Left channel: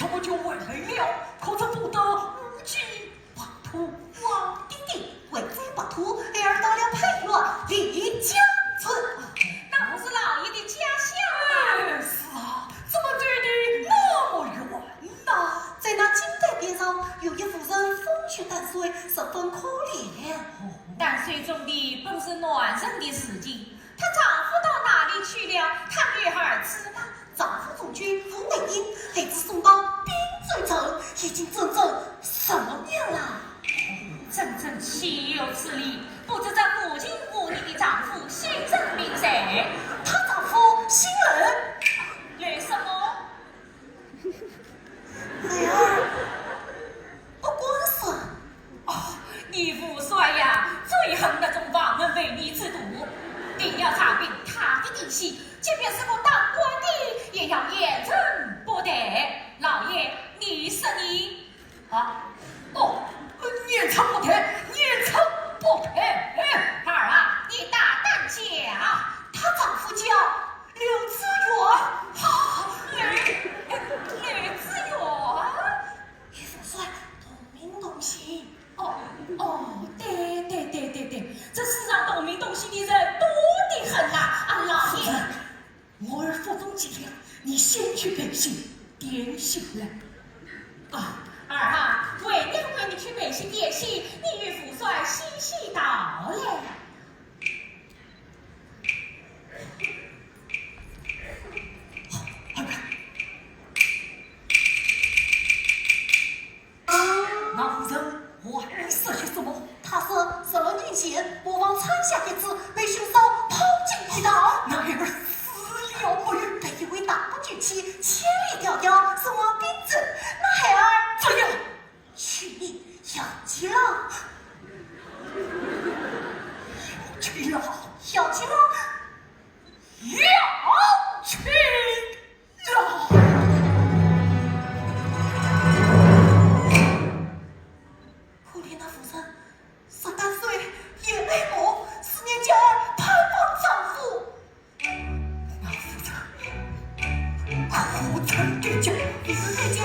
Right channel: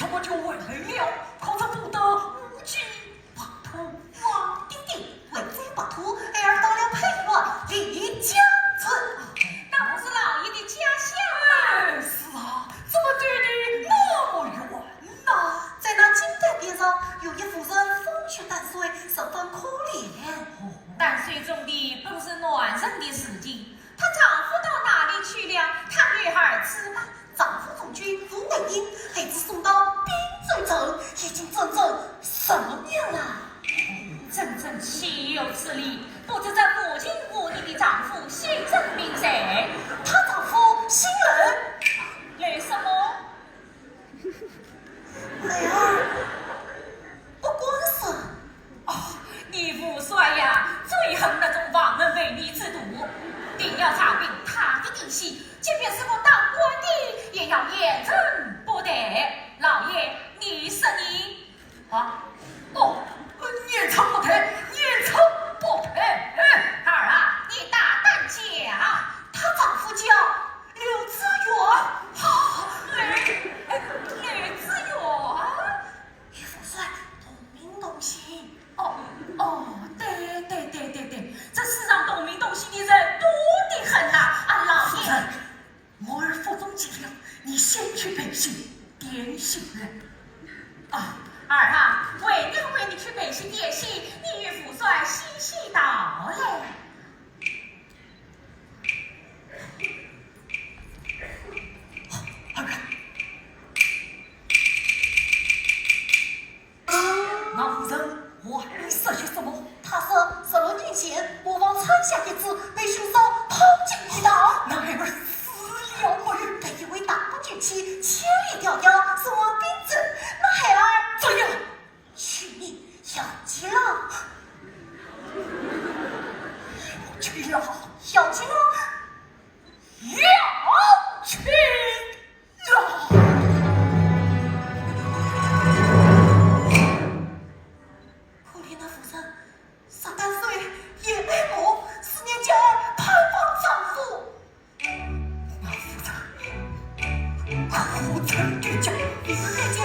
怎么就为累了？可是不得无计把土。我弟弟为这把土而得了配乐离家村，那不是老爷的家乡哎，是啊，怎么觉得那么远呢？在那金代边上有一妇人风雪淡水，十分可怜。淡水中的本是暖人的时节，她丈夫到哪里去了？她女儿子呢？丈夫中军卢美英，孩子送到滨州城，已经整整10年了。整整岂有此理！不知这母亲无你的丈夫姓甚名谁？她丈夫姓任，任什么？孩儿不管事。哦，你父帅呀，最恨那种亡门违逆之徒，定要查明他的底细，即便是个当官的，也要严惩不得。老爷，你是你啊，哦，严惩不得，严惩不得。儿啊，你大胆讲，她丈夫叫刘知远，吕子远。与父帅同名同姓。对，这世上懂名懂姓的人多得很呐！啊，老爷，我儿腹中急了，你先去北京点醒来。啊，儿啊，为娘为你去北京点戏，你与父帅嬉戏到嘞。那夫人还说些什么？他说10年前我往参下一次，被凶手抛进鱼塘，那孩儿死了没有？被一位大不俊妻千里迢迢送往滨州，那孩儿怎样？去你要急了，去了，要急了。要去了。可怜那夫人13岁也被母4年间盼望丈夫。那夫人苦撑的家，再见。